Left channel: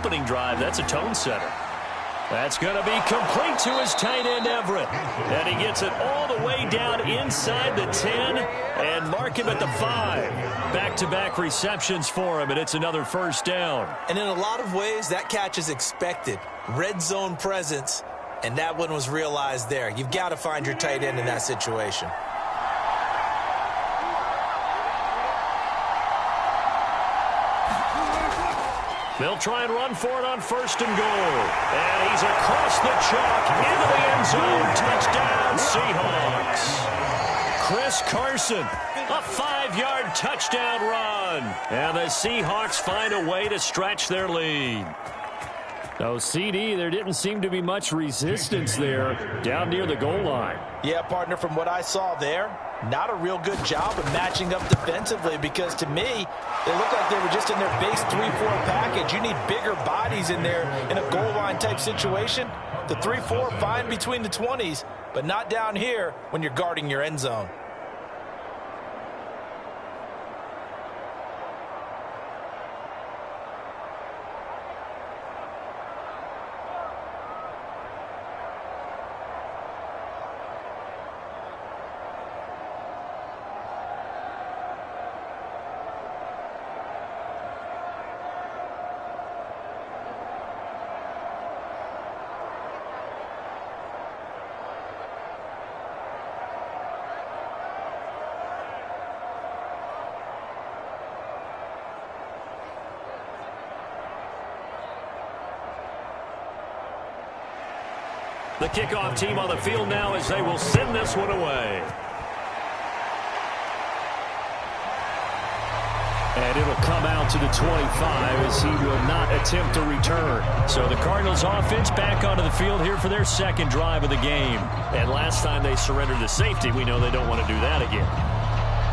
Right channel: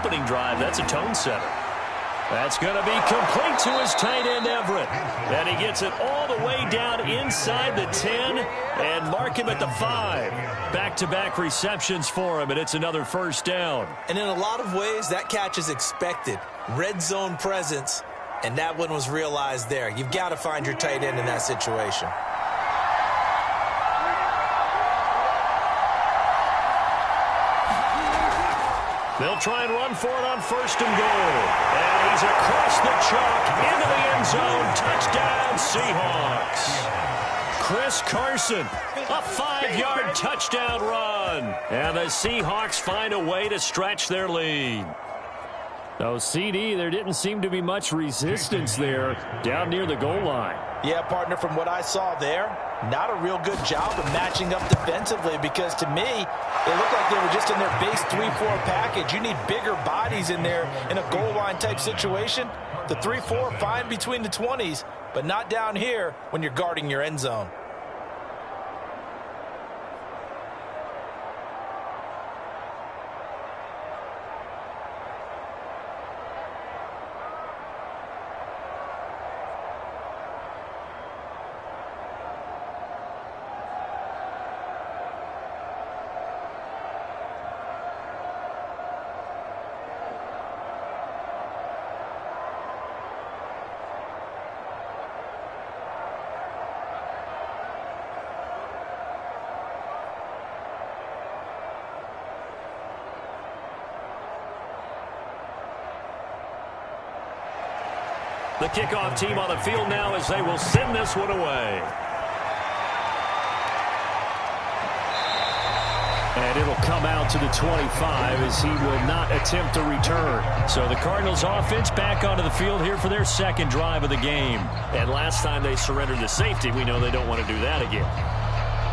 opening drive. That's a tone setter. That's going to be complete to his tight end, Everett. And he gets it all the way down inside the 10 and mark him at the 5. Back-to-back receptions for him, and it's another first down. And in a lot of ways, that catch is expected. Red zone presence, and that one was realized there. You've got to find your tight end in that situation. They'll try and run for it on 1st and goal. And he's across the chalk into the end zone. Touchdown, Seahawks. Chris Carson, a 5-yard touchdown run. And the Seahawks find a way to stretch their lead. So, CD, there didn't seem to be much resistance there down near the goal line. Yeah, partner, from what I saw there, not a real good job of matching up defensively because, to me, they looked like they were just in their base 3-4 package. You need bigger bodies in there in a goal line type situation. The 3-4, fine between the 20s, but not down here when you're guarding your end zone. The kickoff team on the field now as they will send this one away. And it'll come out to the 25 as he will not attempt to return. So the Cardinals offense back onto the field here for their second drive of the game. And last time they surrendered the safety, we know they don't want to do that again.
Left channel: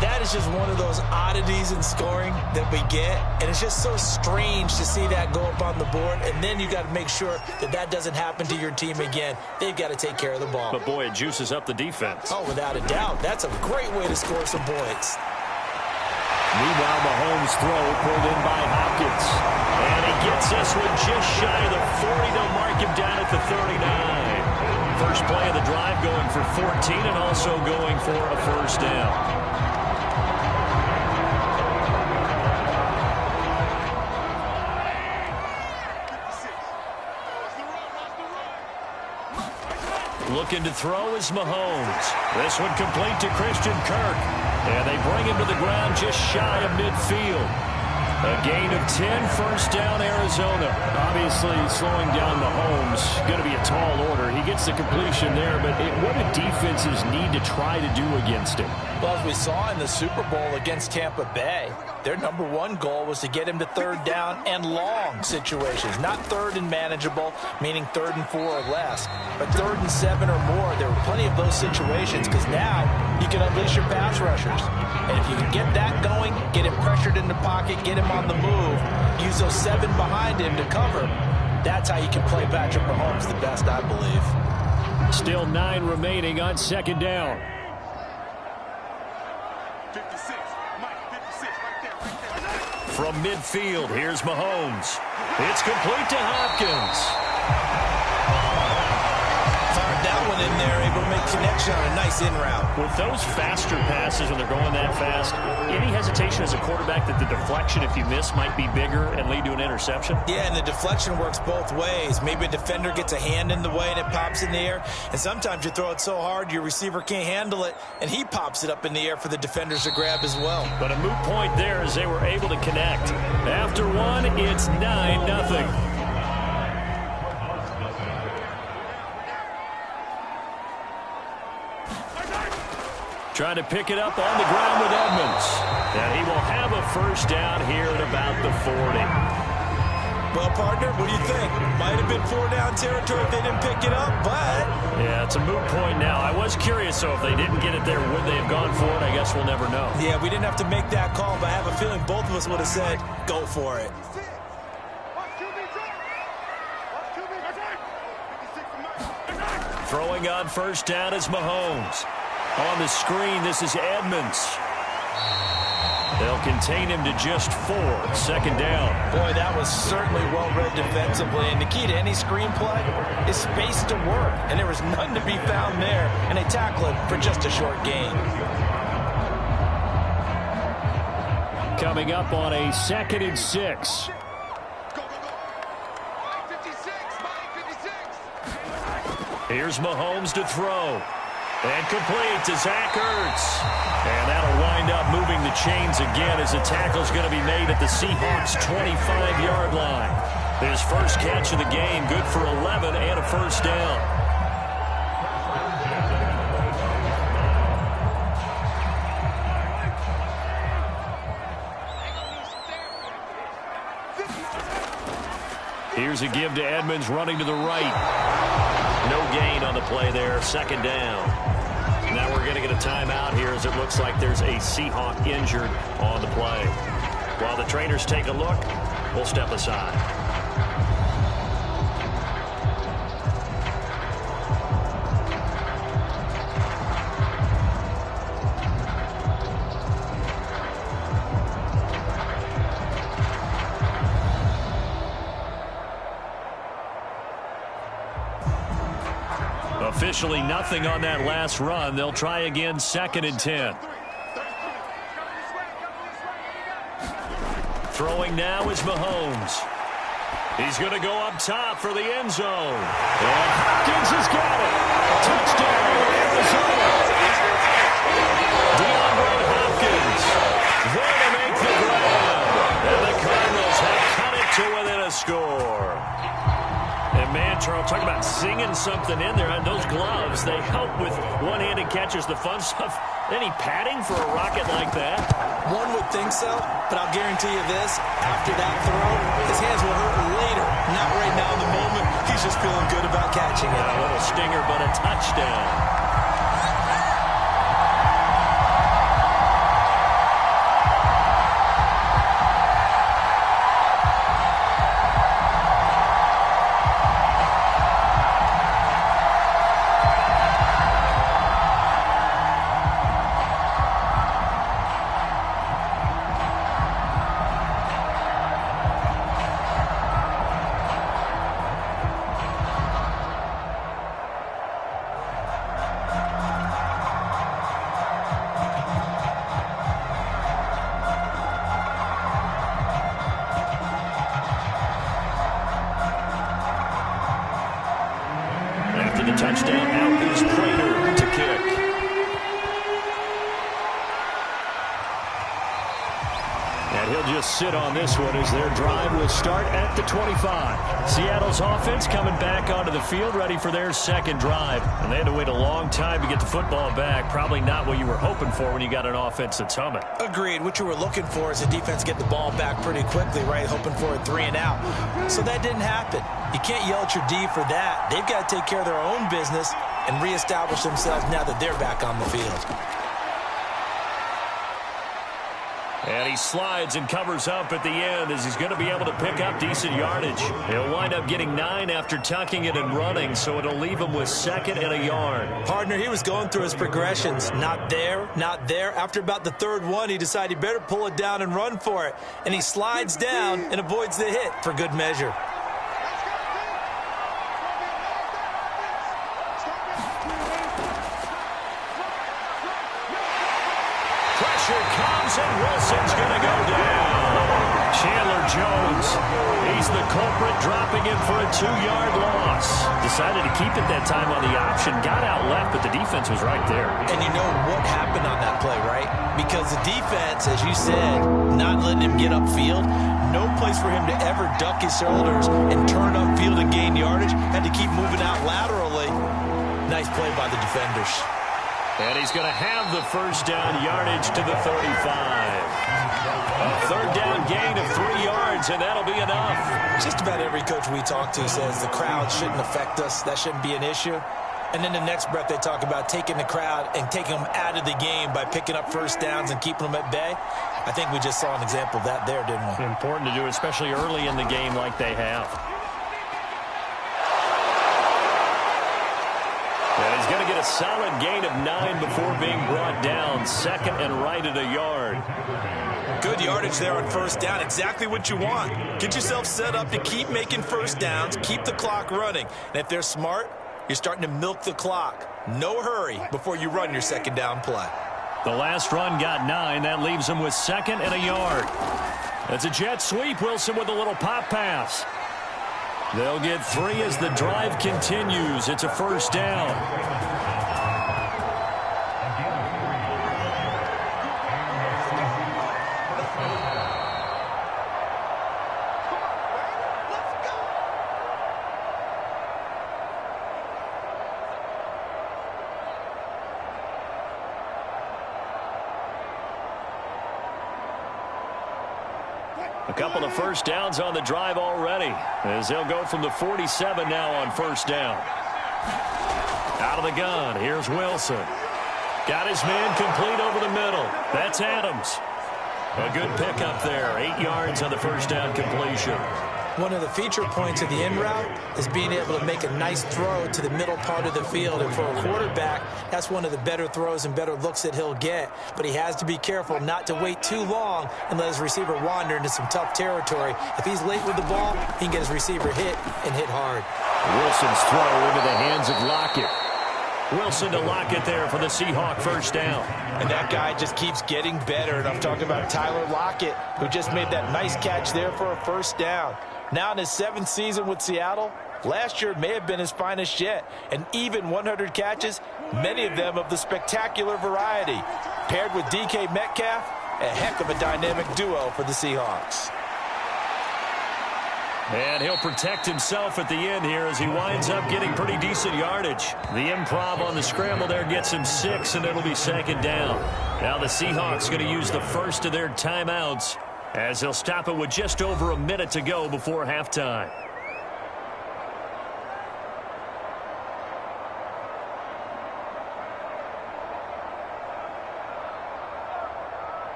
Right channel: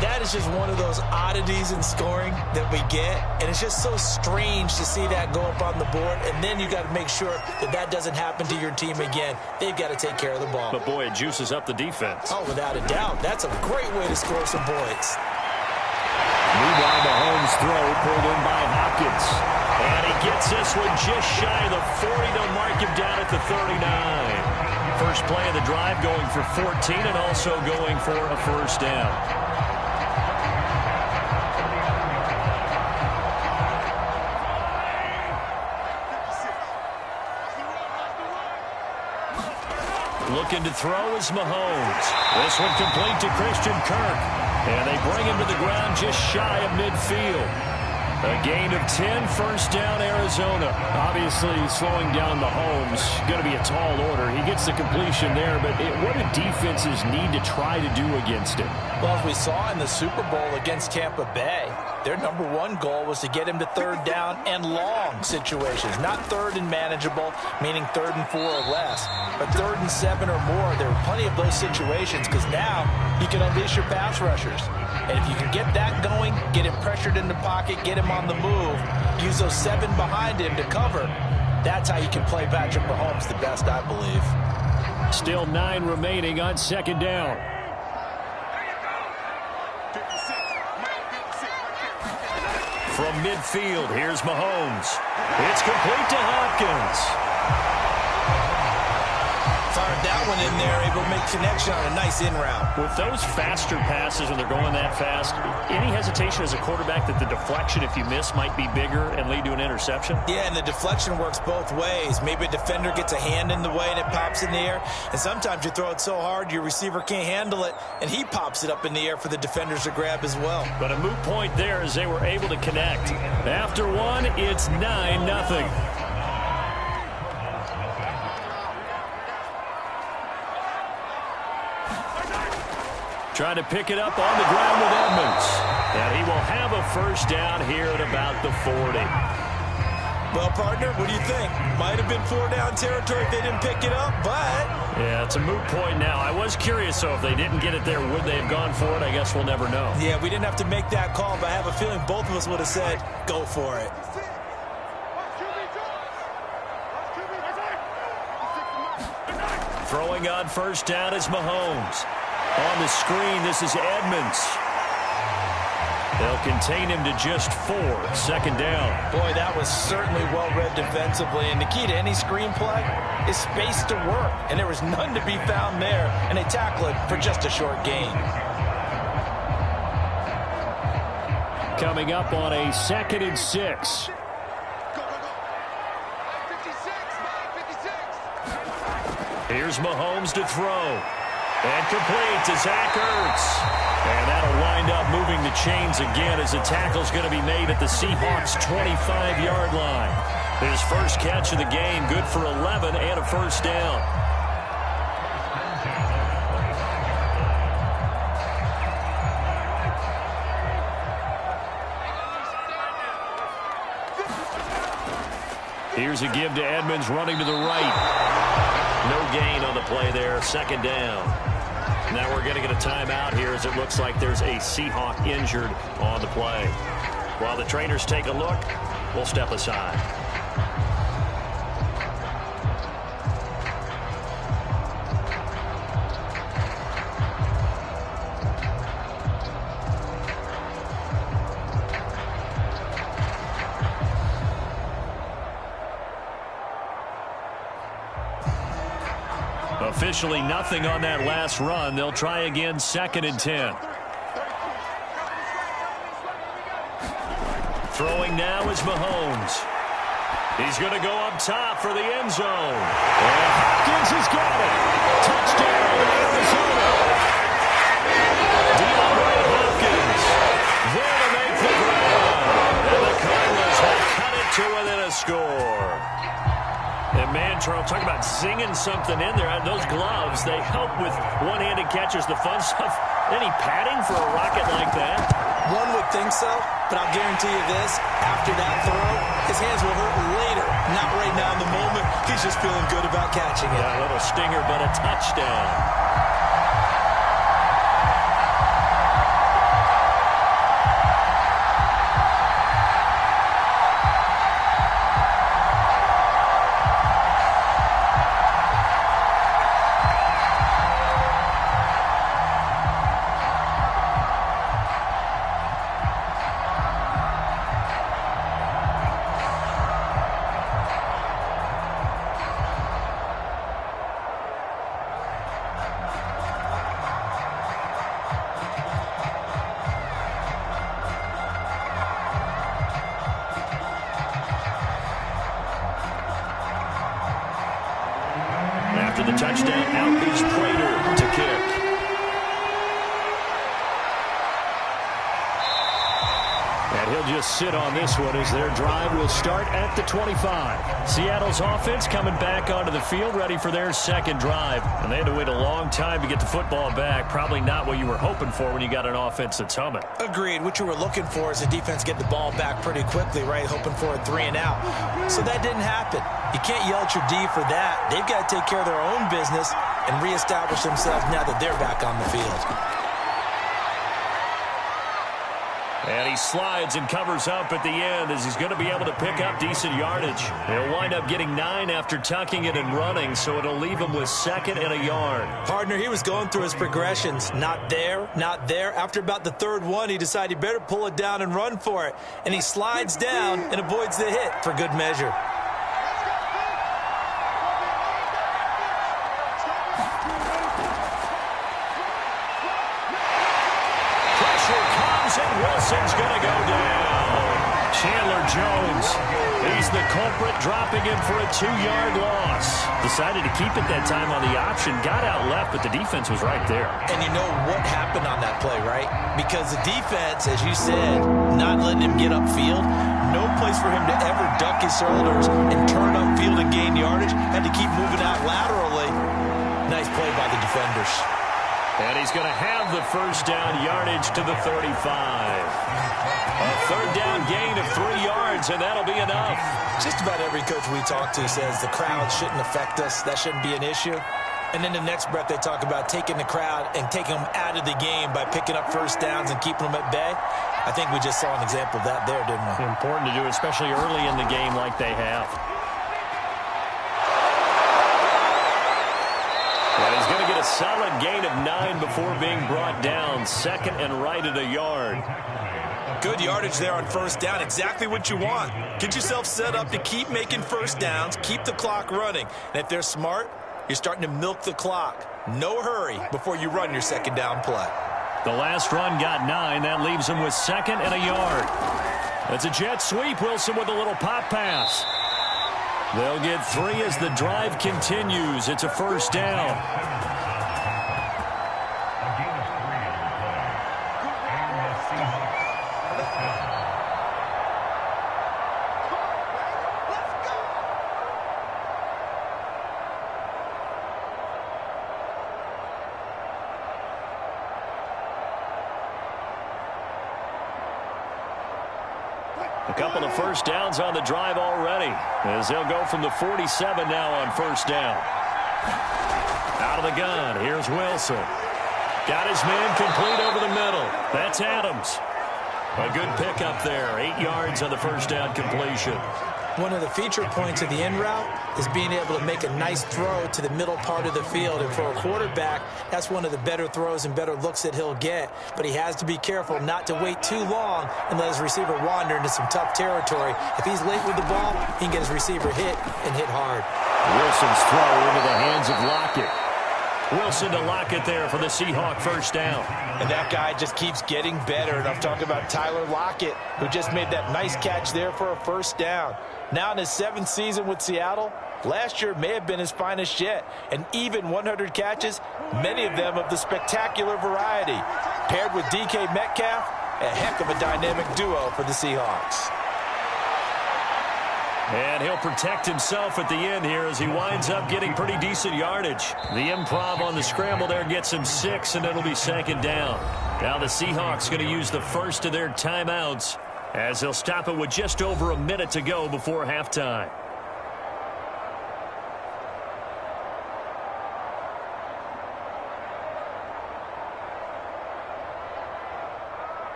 That is just one of those oddities in scoring that we get, and it's just so strange to see that go up on the board, and then you got to make sure that that doesn't happen to your team again. They've got to take care of the ball. But, boy, it juices up the defense. Oh, without a doubt. That's a great way to score some points. Meanwhile, Mahomes' throw pulled in by Hopkins. And he gets this one just shy of the 40 to mark him down at the 39. First play of the drive going for 14 and also going for a first down. Looking to throw is Mahomes. This one complete to Christian Kirk. And they bring him to the ground just shy of midfield. A gain of 10, first down, Arizona. Obviously, slowing down Mahomes, going to be a tall order. He gets the completion there, but what do defenses need to try to do against him? Well, as we saw in the Super Bowl against Tampa Bay, their number one goal was to get him to third down and long situations. Not third and manageable, meaning 3rd and 4 or less, but 3rd and 7 or more. There were plenty of those situations because now you can unleash your pass rushers. And if you can get that going, get him pressured in the pocket, get him on the move, use those 7 behind him to cover, that's how you can play Patrick Mahomes the best, I believe. Still 9 remaining on second down. 56, Mike, 56, right there. From midfield, here's Mahomes. It's complete to Hopkins. Fired that one in there, able to make connection on a nice in route. With those faster passes when they're going that fast, any hesitation as a quarterback that the deflection, if you miss, might be bigger and lead to an interception? Yeah, and the deflection works both ways. Maybe a defender gets a hand in the way and it pops in the air. And sometimes you throw it so hard your receiver can't handle it, and he pops it up in the air for the defenders to grab as well. But a moot point there as they were able to connect. After one, it's 9-0. Trying to pick it up on the ground with Edmonds. And he will have a first down here at about the 40. Well, partner, what do you think? Might have been 4-down territory if they didn't pick it up, but... Yeah, it's a moot point now. I was curious, so if they didn't get it there, would they have gone for it? I guess we'll never know. Yeah, we didn't have to make that call, but I have a feeling both of us would have said, go for it. Throwing on first down is Mahomes. On the screen, this is Edmonds. They'll contain him to just 4. 2nd down. Boy, that was certainly well-read defensively. And the key to any screenplay is space to work. And there was none to be found there. And they tackle it for just a short gain. Coming up on a 2nd and 6. Go, go, go. 56, 56. Here's Mahomes to throw. And complete to Zach Ertz. And that'll wind up moving the chains again as the tackle's going to be made at the Seahawks' 25-yard line. His first catch of the game, good for 11 and a first down. Here's a give to Edmonds running to the right. No gain on the play there, 2nd down. Now we're going to get a timeout here as it looks like there's a Seahawk injured on the play. While the trainers take a look, we'll step aside. Officially nothing on that last run. They'll try again, 2nd and 10. Throwing now is Mahomes. He's going to go up top for the end zone. And Hopkins has got it. Touchdown, Arizona. DeAndre Hopkins there to make the grab. And the Cardinals have cut it to within a score. And man, Charles, talk about singing something in there. Those gloves, they help with one-handed catches, the fun stuff. Any padding for a rocket like that? One would think so, but I'll guarantee you this. After that throw, his hands will hurt later. Not right now in the moment. He's just feeling good about catching it. A little stinger, but a touchdown. After the touchdown, out is Prater to kick. And he'll just sit on this one as their drive will start at the 25. Seattle's offense coming back onto the field, ready for their 2nd drive. And they had to wait a long time to get the football back. Probably not what you were hoping for when you got an offense that's humming. Agreed. What you were looking for is the defense get the ball back pretty quickly, right? Hoping for a 3 and out. So that didn't happen. You can't yell at your D for that. They've got to take care of their own business and reestablish themselves now that they're back on the field. And he slides and covers up at the end as he's going to be able to pick up decent yardage. He'll wind up getting 9 after tucking it and running, so it'll leave him with 2nd and a yard. Partner, he was going through his progressions. Not there, not there. After about the 3rd one, he decided he better pull it down and run for it. And he slides down and avoids the hit for good measure. Pressure comes and Wilson's going to go down. Chandler Jones, he's the culprit, dropping him for a 2-yard loss. Decided to keep it that time on the option, got out left, but the defense was right there. And you know what happened on that play, right? Because the defense, as you said, not letting him get upfield, no place for him to ever duck his shoulders and turn upfield and gain yardage, had to keep moving out laterally. Nice play by the defenders. And he's going to have the first down, yardage to the 35. A 3rd down gain of 3 yards, and that'll be enough. Just about every coach we talk to says the crowd shouldn't affect us. That shouldn't be an issue. And then the next breath they talk about taking the crowd and taking them out of the game by picking up first downs and keeping them at bay. I think we just saw an example of that there, didn't we? Important to do, especially early in the game like they have. And he's going to get a solid gain of 9 before being brought down. 2nd and right at a yard. Good yardage there on first down. Exactly what you want. Get yourself set up to keep making first downs, keep the clock running. And if they're smart, you're starting to milk the clock. No hurry before you run your second down play. The last run got 9. That leaves him with 2nd and a yard. It's a jet sweep. Wilson with a little pop pass. They'll get 3 as the drive continues. It's a first down. A couple of first downs on the drive already, as they'll go from the 47 now on first down. Out of the gun, here's Wilson. Got his man complete over the middle. That's Adams. A good pickup there, 8 yards on the first down completion. One of the feature points of the in route is being able to make a nice throw to the middle part of the field. And for a quarterback, that's one of the better throws and better looks that he'll get. But he has to be careful not to wait too long and let his receiver wander into some tough territory. If he's late with the ball, he can get his receiver hit and hit hard. Wilson's throw into the hands of Lockett. Wilson to Lockett there for the Seahawk first down. And that guy just keeps getting better. And I'm talking about Tyler Lockett, who just made that nice catch there for a first down. Now in his 7th season with Seattle, last year may have been his finest yet. And even 100 catches, many of them of the spectacular variety. Paired with DK Metcalf, a heck of a dynamic duo for the Seahawks. And he'll protect himself at the end here as he winds up getting pretty decent yardage. The improv on the scramble there gets him 6, and it'll be 2nd down. Now the Seahawks going to use the first of their timeouts as they'll stop it with just over a minute to go before halftime.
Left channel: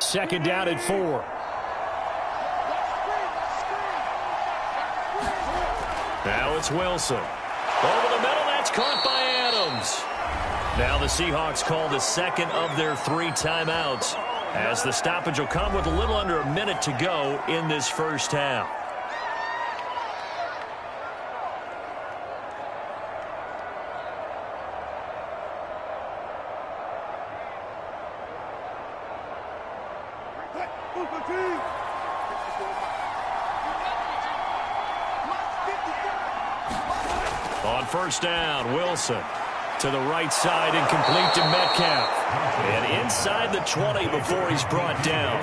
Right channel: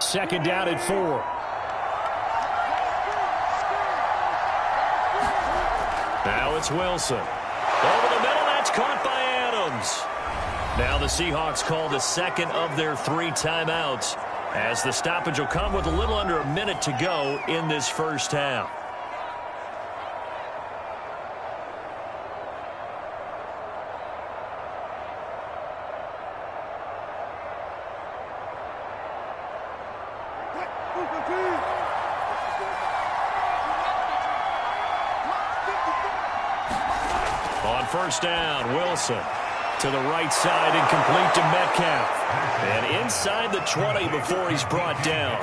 Second down at 4. Now it's Wilson. Over the middle, that's caught by Adams. Now the Seahawks call the second of their 3 timeouts, as the stoppage will come with a little under a minute to go in this first half. On first down, Wilson to the right side and complete to Metcalf. And inside the 20 before he's brought down.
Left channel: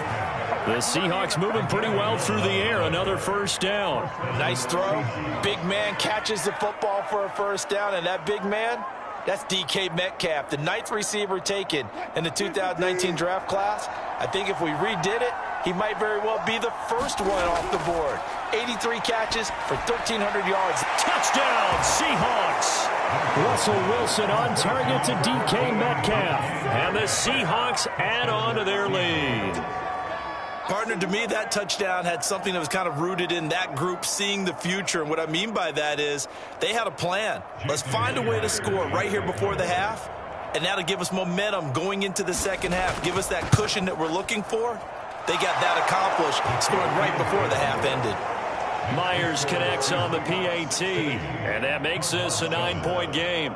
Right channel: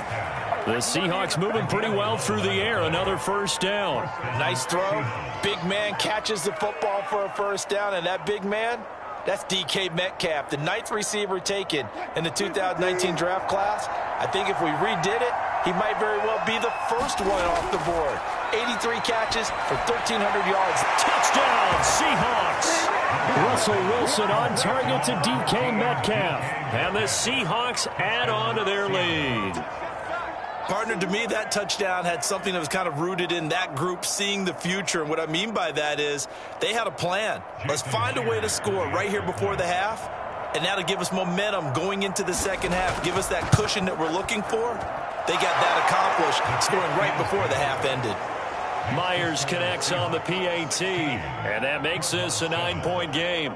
The Seahawks moving pretty well through the air. Another first down. Nice throw. Big man catches the football for a first down, and that big man, that's DK Metcalf, the 9th receiver taken in the 2019 draft class. I think if we redid it, he might very well be the first one off the board. 83 catches for 1,300 yards. Touchdown, Seahawks. Russell Wilson on target to DK Metcalf. And the Seahawks add on to their lead. Partner, to me, that touchdown had something that was kind of rooted in that group seeing the future. And what I mean by that is they had a plan. Let's find a way to score right here before the half. And that'll give us momentum going into the second half. Give us that cushion that we're looking for. They got that accomplished, scoring right before the half ended. Myers connects on the PAT, and that makes this a 9-point game.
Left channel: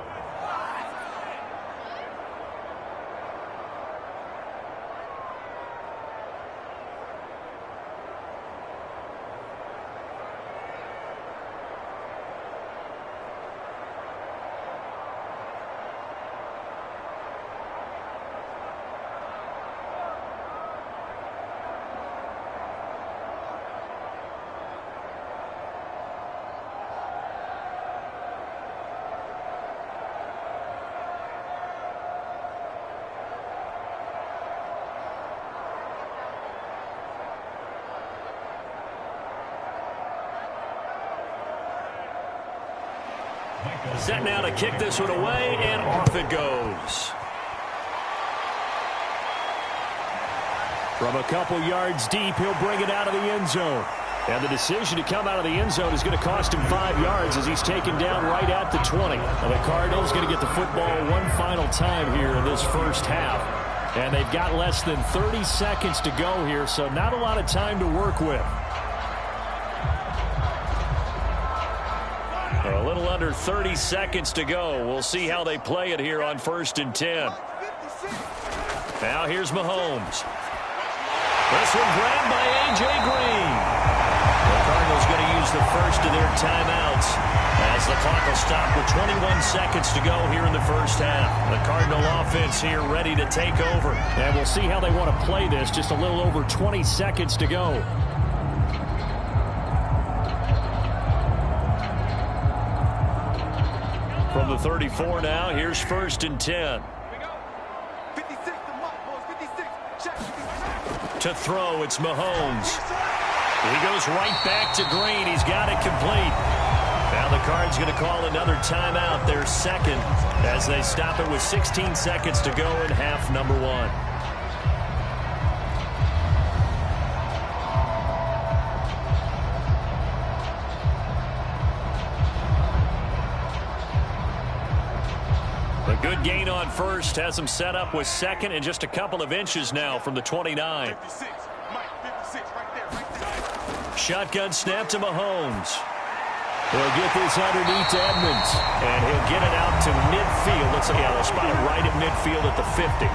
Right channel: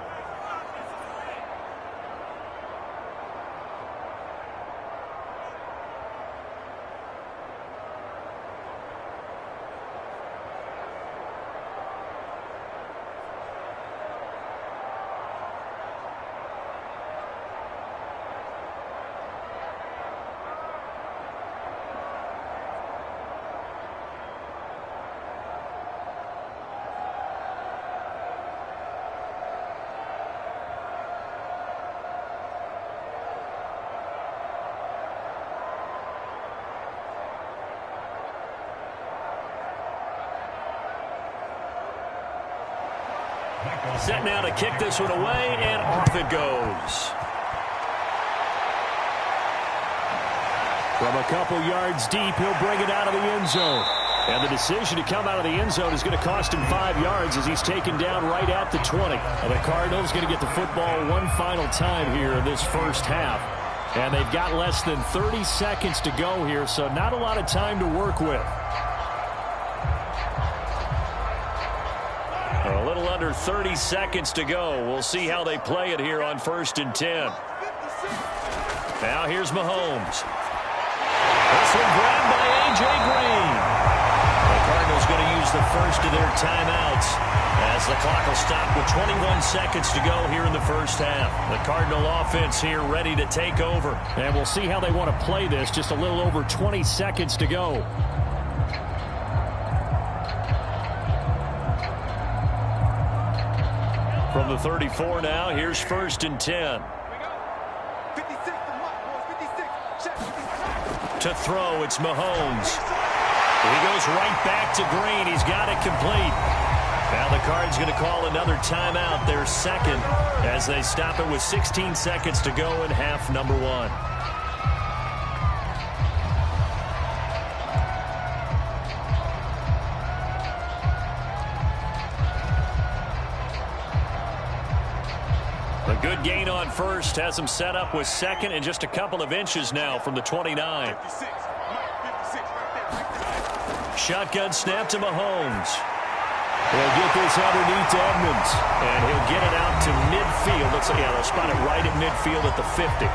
Set now to kick this one away, and off it goes. From a couple yards deep, he'll bring it out of the end zone. And the decision to come out of the end zone is going to cost him 5 yards as he's taken down right at the 20. And the Cardinals going to get the football one final time here in this first half. And they've got less than 30 seconds to go here, so not a lot of time to work with. A little under 30 seconds to go. We'll see how they play it here on 1st and 10. Now here's Mahomes. This one grabbed by A.J. Green. The Cardinals going to use the first of their timeouts as the clock will stop with 21 seconds to go here in the first half. The Cardinal offense here ready to take over. And we'll see how they want to play this. Just a little over 20 seconds to go. From the 34 now, here's 1st and 10. To throw, it's Mahomes. He goes right back to Green. He's got it complete. Now the Cards going to call another timeout, their second, as they stop it with 16 seconds to go in half number 1. A good gain on first has him set up with second and just a couple of inches now from the 29. Shotgun snap to Mahomes. He'll get this underneath to Edmonds, and he'll get it out to midfield. Looks like, yeah, they'll spot it right at midfield at the 50.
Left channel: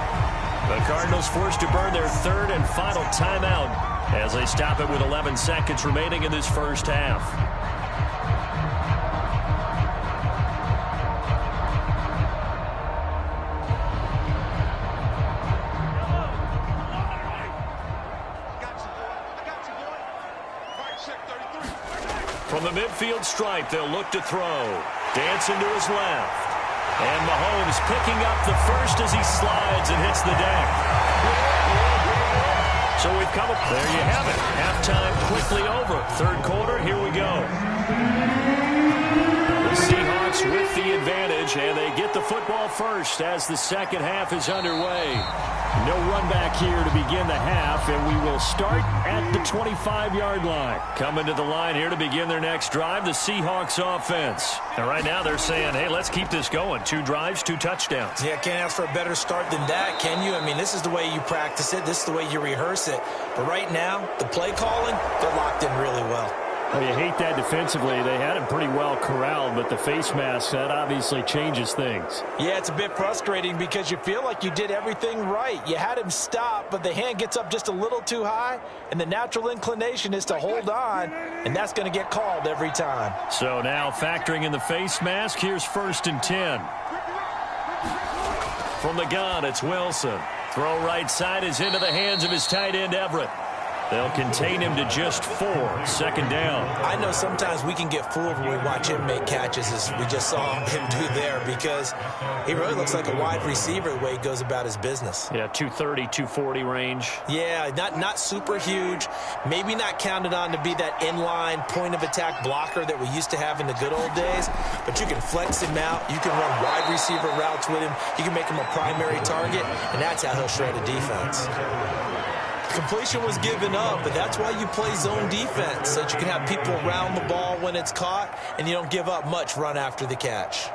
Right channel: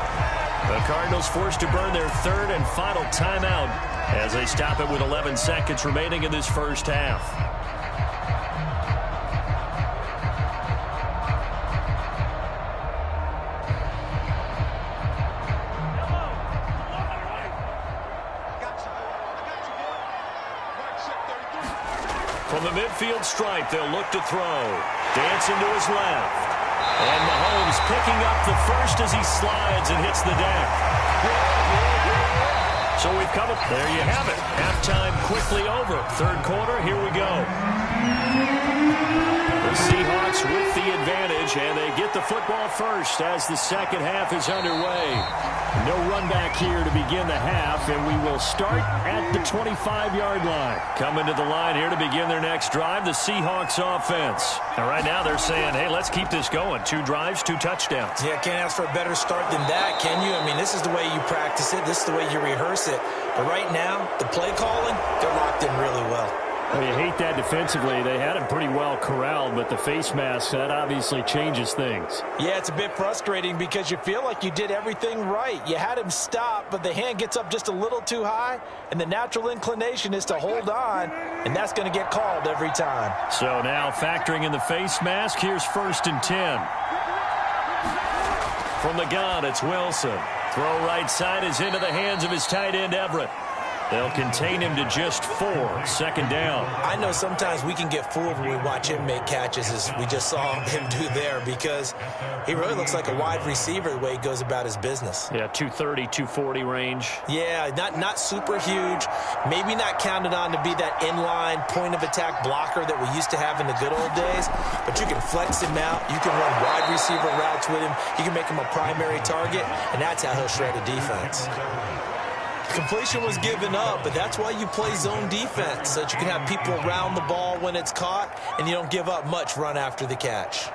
The Cardinals forced to burn their third and final timeout as they stop it with 11 seconds remaining in this first half. From the midfield stripe, they'll look to throw. Dancing to his left. And Mahomes picking up the first as he slides and hits the deck. So we've come up. There you have it. Halftime quickly over. Third quarter, here we go. The Seahawks with the advantage, and they get the football first as the second half is underway. No run back here to begin the half, and we will start at the 25-yard line. Coming to the line here to begin their next drive, the Seahawks offense. And right now they're saying, hey, let's keep this going. 2 drives, 2 touchdowns. Yeah, can't ask for a better start than that, can you? I mean, this is the way you practice it. This is the way you rehearse it. But right now, the play calling, they're locked in really well. Well, you hate that defensively. They had him pretty well corralled, but the face mask, that obviously changes things. Yeah, it's a bit frustrating because you feel like you did everything right. You had him stop, but the hand gets up just a little too high, and the natural inclination is to hold on, and that's going to get called every time. So now factoring in the face mask, here's 1st and 10. From the gun, it's Wilson. Throw right side is into the hands of his tight end, Everett. They'll contain him to just 4. Second down. I know sometimes we can get fooled when we watch him make catches, as we just saw him do there, because he really looks like a wide receiver the way he goes about his business. Yeah, 230, 240 range. Yeah, not super huge. Maybe not counted on to be that inline point-of-attack blocker that we used to have in the good old days, but you can flex him out. You can run wide receiver routes with him. You can make him a primary target, and that's how he'll shred a defense. Completion was given up, but that's why you play zone defense, so that you can have people around the ball when it's caught, and you don't give up much run after the catch.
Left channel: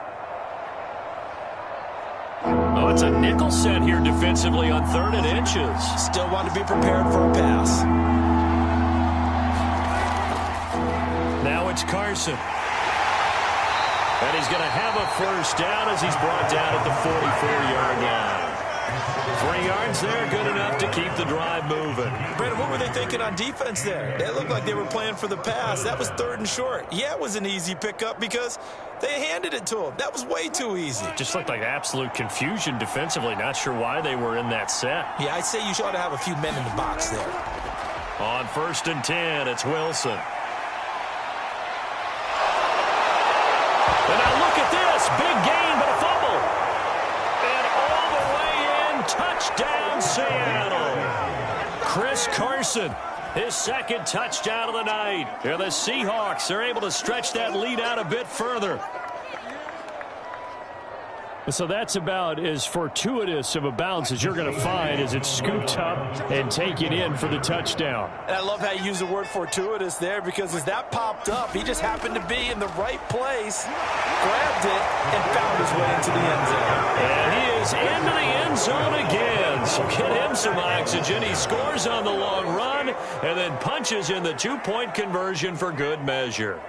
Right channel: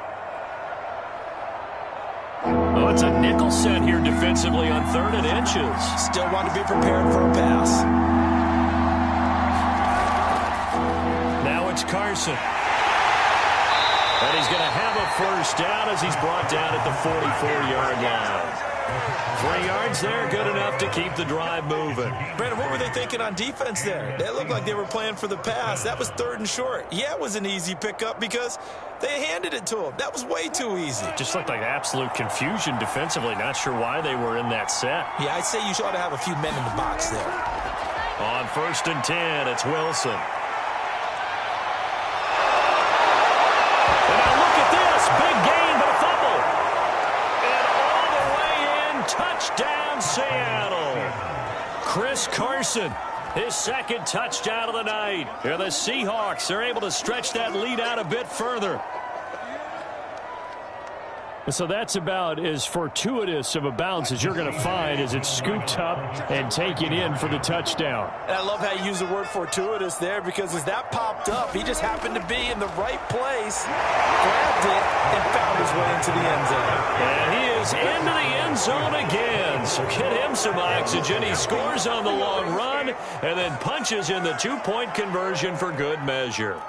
Oh, it's a nickel set here defensively on 3rd and inches. Still want to be prepared for a pass. Now it's Carson. And he's going to have a first down as he's brought down at the 44-yard line. 3 yards there, good enough to keep the drive moving. Brandon, what were they thinking on defense there? They looked like they were playing for the pass. That was 3rd and short. Yeah, it was an easy pickup because they handed it to him. That was way too easy. Just looked like absolute confusion defensively. Not sure why they were in that set. Yeah, I'd say you ought to have a few men in the box there. On 1st and 10, it's Wilson. And now look at this. Big gain, but a fumble. And all the way in, touchdown Seattle. Chris Carson, his second touchdown of the night. Here the Seahawks are able to stretch that lead out a bit further. So that's about as fortuitous of a bounce as you're going to find as it's scooped up and taken in for the touchdown. And I love how you use the word fortuitous there, because as that popped up, he just happened to be in the right place, grabbed it, and found his way into the end zone. And he is into the end zone again. So get him some oxygen. He scores on the long run and then punches in the two-point conversion for good measure.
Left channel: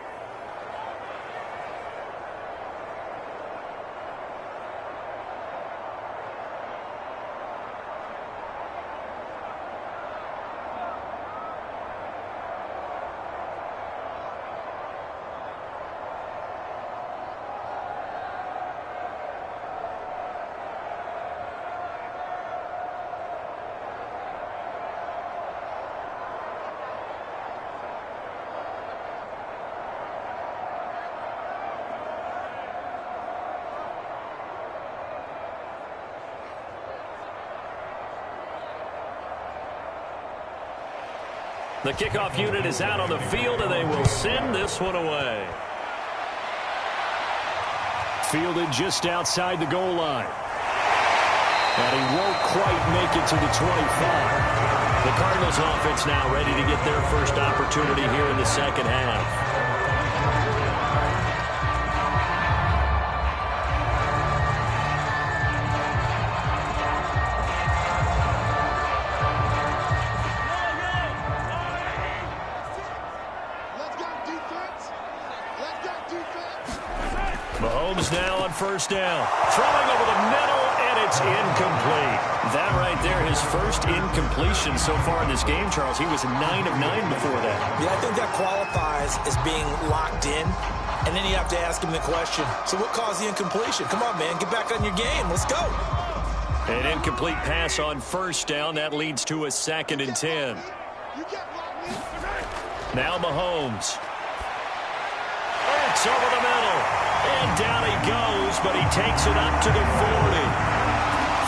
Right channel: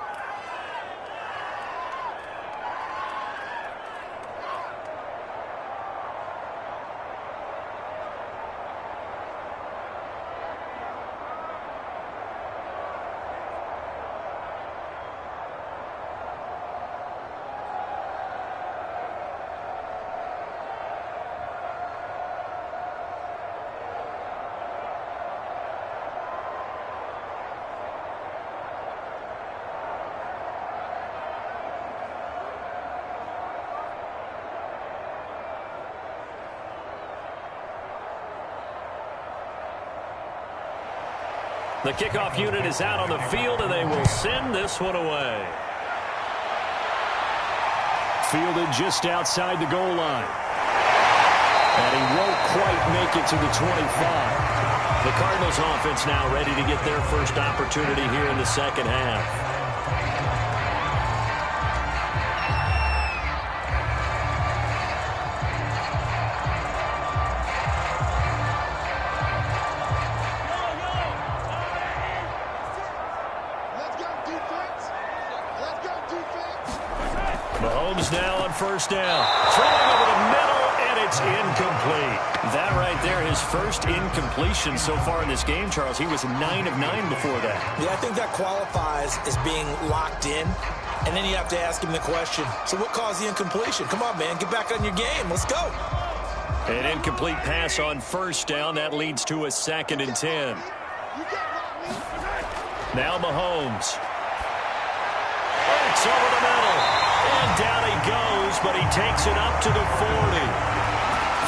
The kickoff unit is out on the field, and they will send this one away. Fielded just outside the goal line. And he won't quite make it to the 25. The Cardinals offense now ready to get their first opportunity here in the second half. Mahomes now on first down. Throwing over the middle, and it's incomplete. That right there, his first incompletion so far in this game, Charles. He was 9 of 9 before that. Yeah, I think that qualifies as being locked in. And then you have to ask him the question, so what caused the incompletion? Come on, man, get back on your game. Let's go. An incomplete pass on first down. That leads to a 2nd and 10. Now Mahomes. Hurts over the middle. And down he goes, but he takes it up to the 40.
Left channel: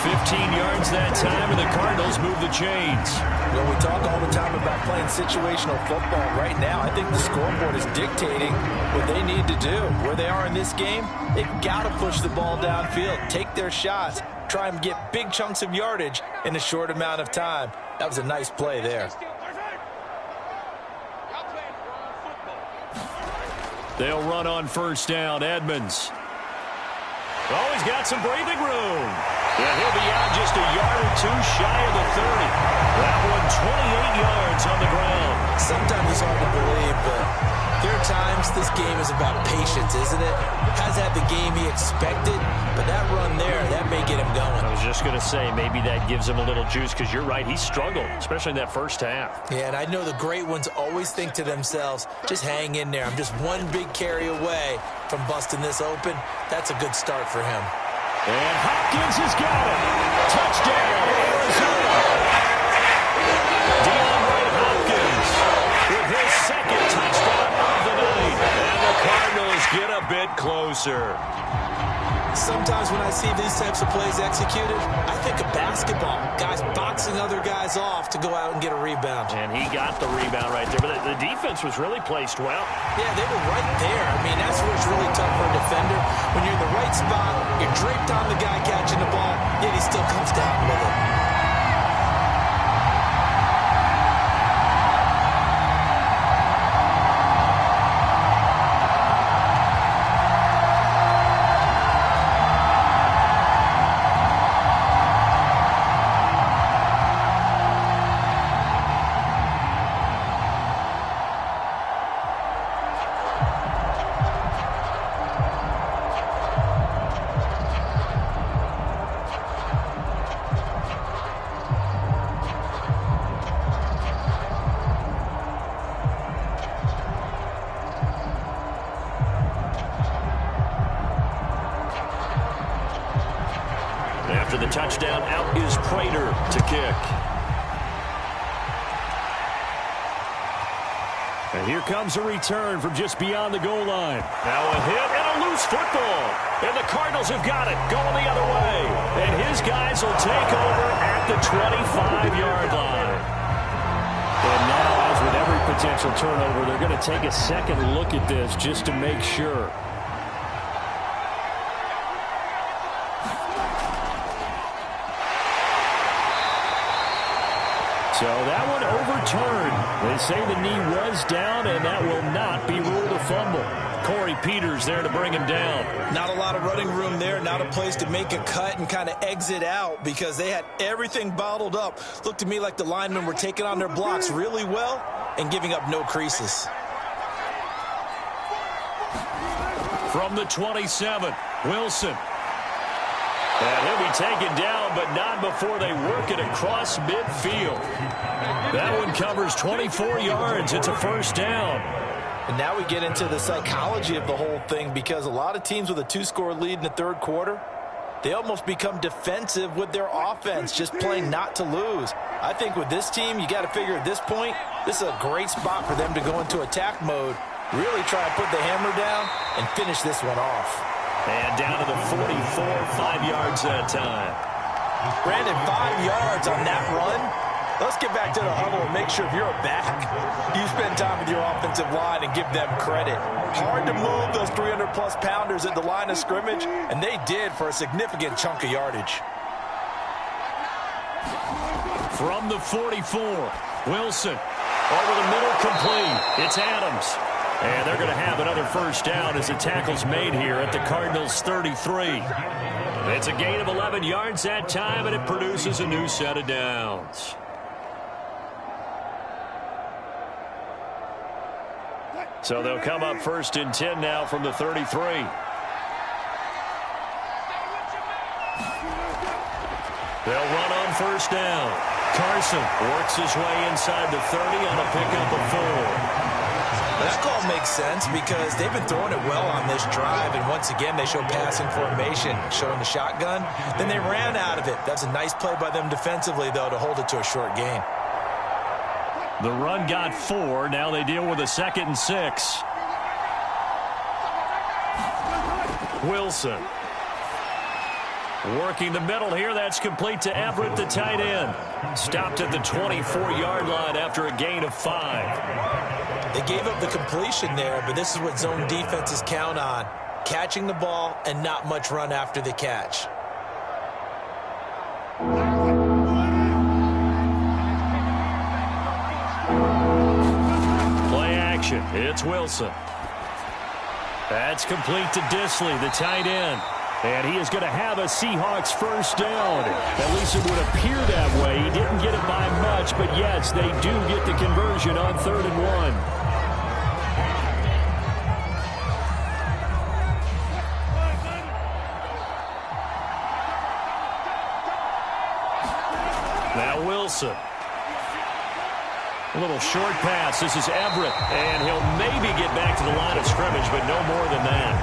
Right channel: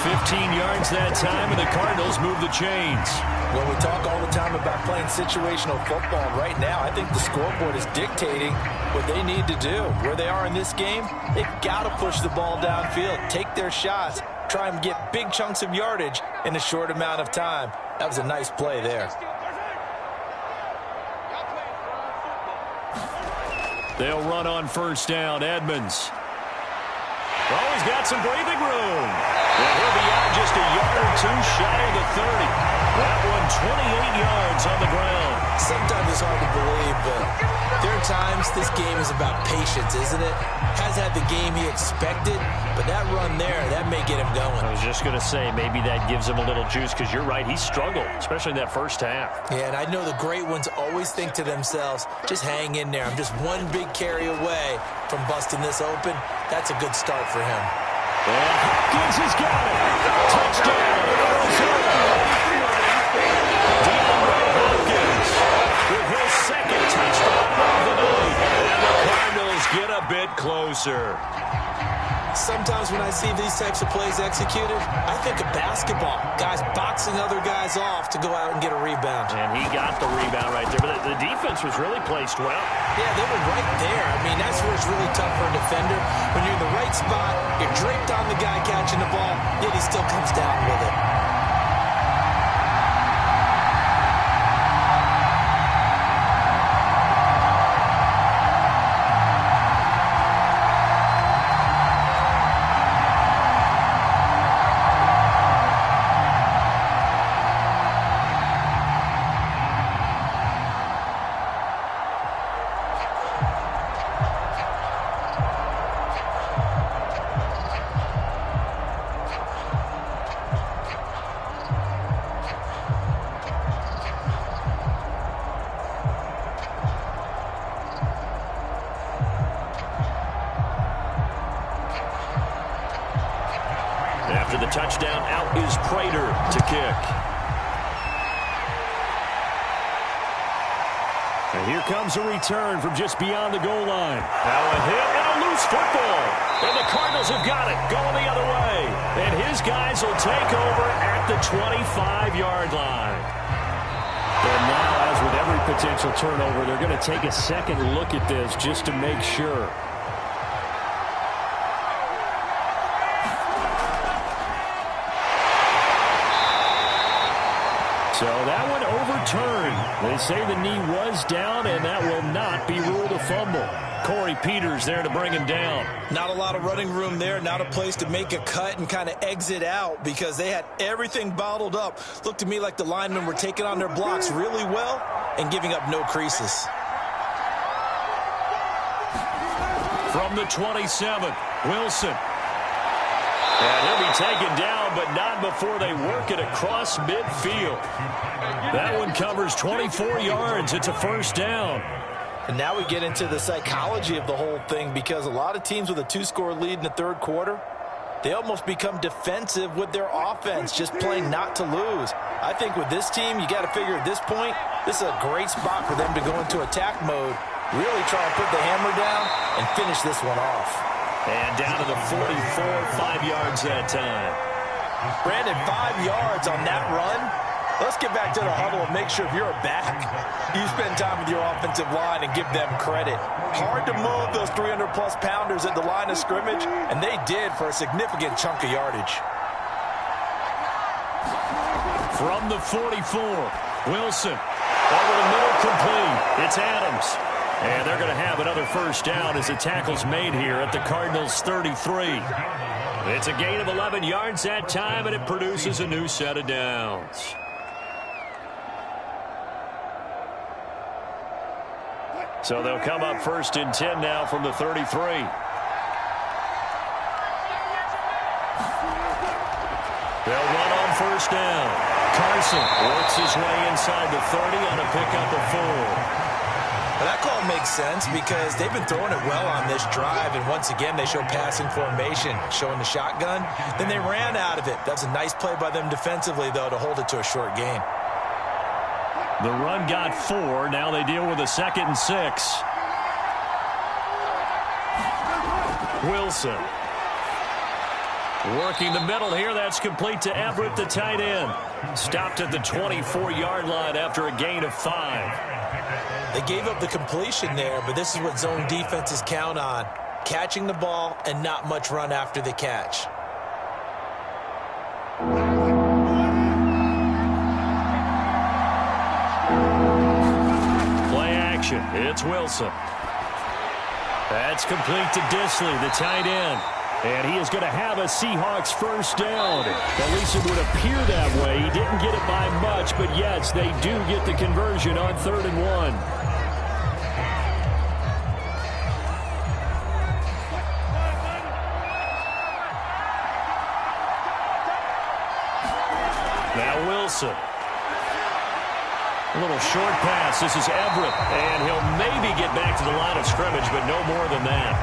15 yards that time, and the Cardinals move the chains. Well, we talk all the time about playing situational football. Right now, I think the scoreboard is dictating what they need to do. Where they are in this game, they've got to push the ball downfield, take their shots, try and get big chunks of yardage in a short amount of time. That was a nice play there. They'll run on first down. Edmonds. Oh, he's got some breathing room. And he'll be out just a yard or two shy of the 30. That one 28 yards on the ground. Sometimes it's hard to believe, but there are times this game is about patience, isn't it? Has had the game he expected, but that run there, that may get him going. I was just going to say, maybe that gives him a little juice, because you're right, he struggled, especially in that first half. Yeah, and I know the great ones always think to themselves, just hang in there. I'm just one big carry away from busting this open. That's a good start for him. And Hopkins has got it. Touchdown, Arizona. DeAndre Hopkins with his second touchdown of the night. And the Cardinals get a bit closer. Sometimes when I see these types of plays executed, I think of basketball. Guys boxing other guys off to go out and get a rebound. And he got the rebound right there. But the defense was really placed well. Yeah, they were right there. I mean, that's where it's really tough for a defender. When you're in the right spot, you're draped on the guy catching the ball, yet he still comes down with it. After the touchdown, out is Prater to kick. And here comes a return from just beyond the goal line. Now a hit and a loose football. And the Cardinals have got it, going the other way. And his guys will take over at the 25-yard line. And now, as with every potential turnover, they're going to take a second look at this just to make sure. So that one overturned. They say the knee was down, and that will not be ruled a fumble. Corey Peters there to bring him down. Not a lot of running room there, not a place to make a cut and kind of exit out because they had everything bottled up. Looked to me like the linemen were taking on their blocks really well and giving up no creases. From the 27, Wilson. And he'll be taken down, but not before they work it across midfield. That one covers 24 yards. It's a first down. And now we get into the psychology of the whole thing because a lot of teams with a 2-score lead in the third quarter, they almost become defensive with their offense, just playing not to lose. I think with this team, you got to figure at this point, this is a great spot for them to go into attack mode, really try and put the hammer down and finish this one off. And down to the 44, 5 yards that time. Brandon, 5 yards on that run. Let's get back to the huddle and make sure if you're a back, you spend time with your offensive line and give them credit. Hard to move those 300-plus pounders at the line of scrimmage, and they did for a significant chunk of yardage. From the 44, Wilson. Over the middle, complete. It's Adams. And they're going to have another first down as the tackle's made here at the Cardinals' 33. It's a gain of 11 yards that time, and it produces a new set of downs. So they'll come up first and 10 now from the 33. They'll run on first down. Carson works his way inside the 30 on a pickup of 4. Well, that call makes sense because they've been throwing it well on this drive, and once again they show passing formation, showing the shotgun. Then they ran out of it. That's a nice play by them defensively, though, to hold it to a short gain. The run got 4. Now they deal with a 2nd and 6. Wilson. Working the middle here. That's complete to Everett, the tight end. Stopped at the 24-yard line after a gain of 5. They gave up the completion there, but this is what zone defenses count on. Catching the ball and not much run after the catch. Play action. It's Wilson. That's complete to Disley, the tight end. And he is going to have a Seahawks first down. At least it would appear that way. He didn't get it by much, but yes, they do get the conversion on 3rd and 1. Now Wilson. A little short pass. This is Everett. And he'll maybe get back to the line of scrimmage, but no more than that.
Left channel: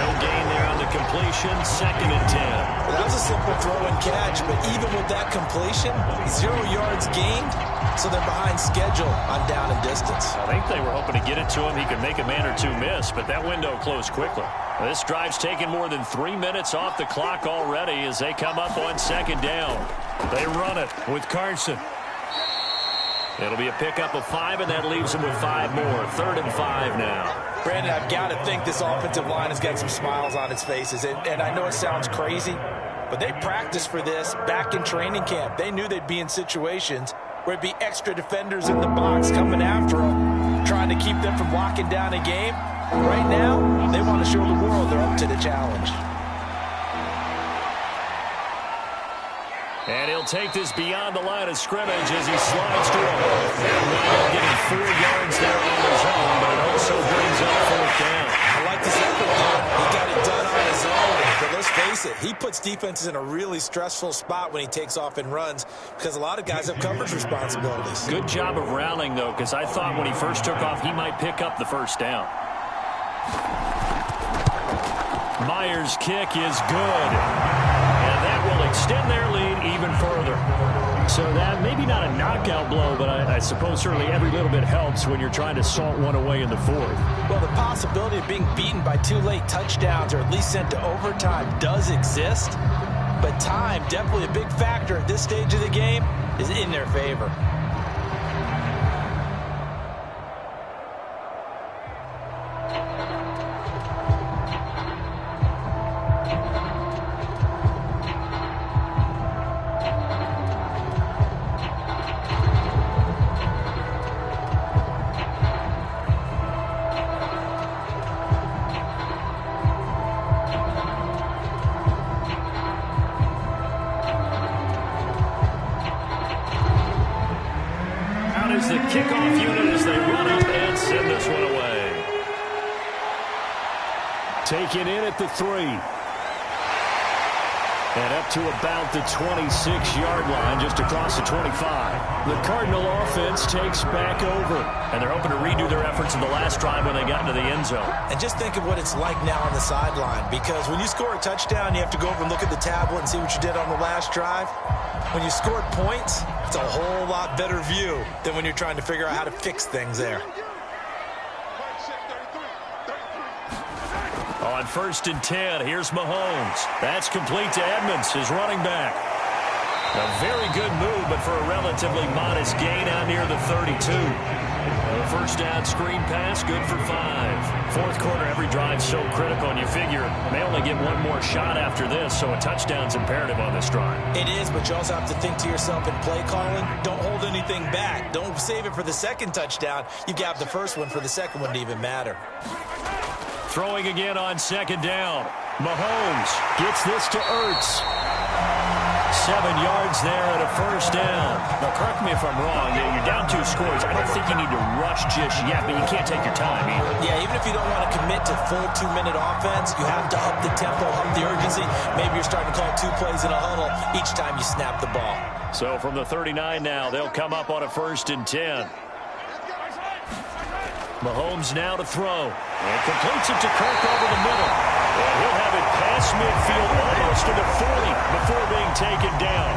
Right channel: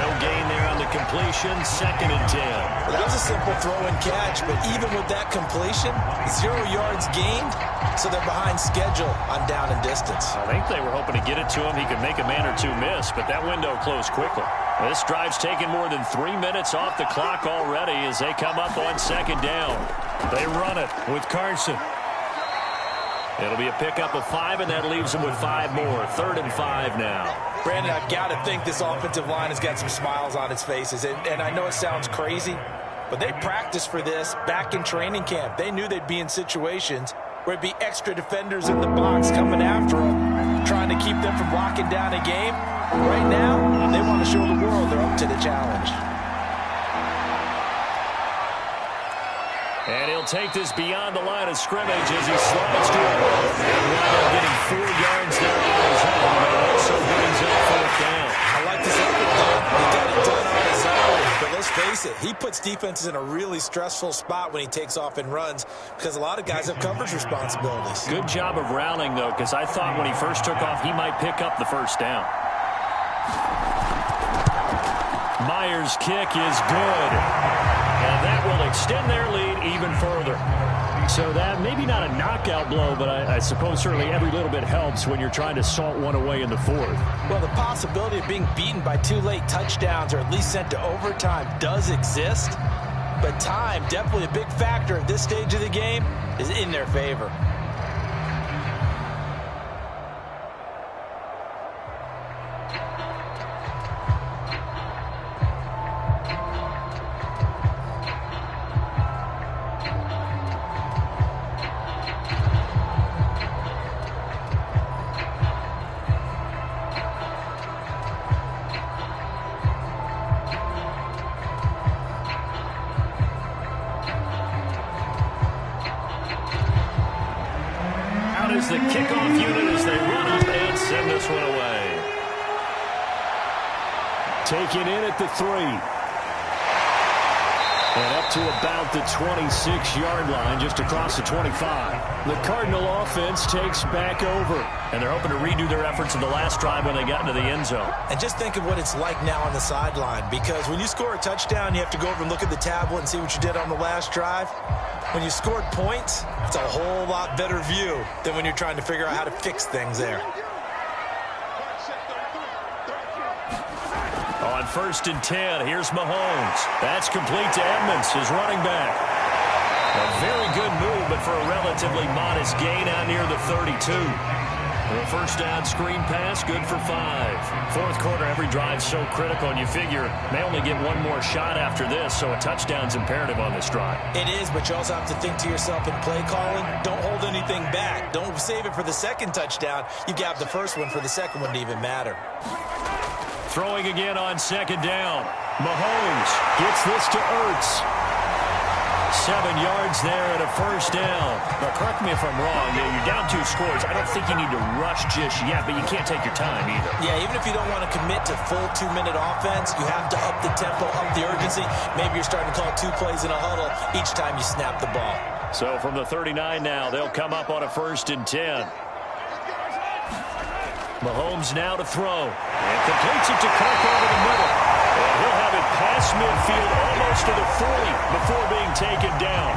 No gain there on the completion. 2nd and 10. Well, that was a simple throw and catch, but even with that completion, 0 yards gained, so they're behind schedule on down and distance. I think they were hoping to get it to him. He could make a man or two miss, but that window closed quickly. This drive's taken more than 3 minutes off the clock already as they come up on 2nd down. They run it with Carson. It'll be a pickup of 5, and that leaves them with 5 more. 3rd and 5 now. Brandon, I've got to think this offensive line has got some smiles on its faces. And I know it sounds crazy, but they practiced for this back in training camp. They knew they'd be in situations where it'd be extra defenders in the box coming after them, trying to keep them from locking down a game. Right now, they want to show the world they're up to the challenge. And he'll take this beyond the line of scrimmage as he slides to a hole. And wind up getting 4 yards there on his own, but it also brings up 4th down. I like this effort, though. He got it done on his own. But let's face it, he puts defenses in a really stressful spot when he takes off and runs because a lot of guys have coverage responsibilities. Good job of rallying, though, because I thought when he first took off, he might pick up the first down. Myers' kick is good. And that will extend their lead even further. So that maybe not a knockout blow, but I suppose certainly every little bit helps when you're trying to salt one away in the 4th. Well, the possibility of being beaten by 2 late touchdowns or at least sent to overtime does exist. But time, definitely a big factor at this stage of the game, is in their favor. the kickoff unit as they run up and send this one away. Taken in at the 3. And up to about the 26-yard line, just across the 25. The Cardinal offense takes back over. And they're hoping to redo their efforts in the last drive when they got into the end zone. And just think of what it's like now on the sideline. Because when you score a touchdown, you have to go over and look at the tablet and see what you did on the last drive. When you scored points, it's a whole lot better view than when you're trying to figure out how to fix things there. On 1st and 10, here's Mahomes. That's complete to Edmonds, his running back. A very good move, but for a relatively modest gain out near the 32. The first down screen pass, good for 5. Fourth quarter, every drive's so critical, and you figure may only get one more shot after this, so a touchdown's imperative on this drive. It is, but you also have to think to yourself in play calling, don't hold anything back. Don't save it for the second touchdown. You got the first one for the second one to even matter. Throwing again on 2nd down. Mahomes gets this to Ertz. 7 yards there and a first down. Now, correct me if I'm wrong. You're down 2 scores. I don't think you need to rush just yet, but you can't take your time either. Yeah, even if you don't want to commit to full 2-minute offense, you have to up the tempo, up the urgency. Maybe you're starting to call 2 plays in a huddle each time you snap the ball. So from the 39 now, they'll come up on a 1st and 10. Mahomes now to throw. And completes it to Kirk over the middle. And he'll have it past midfield almost to the 40 before being taken down.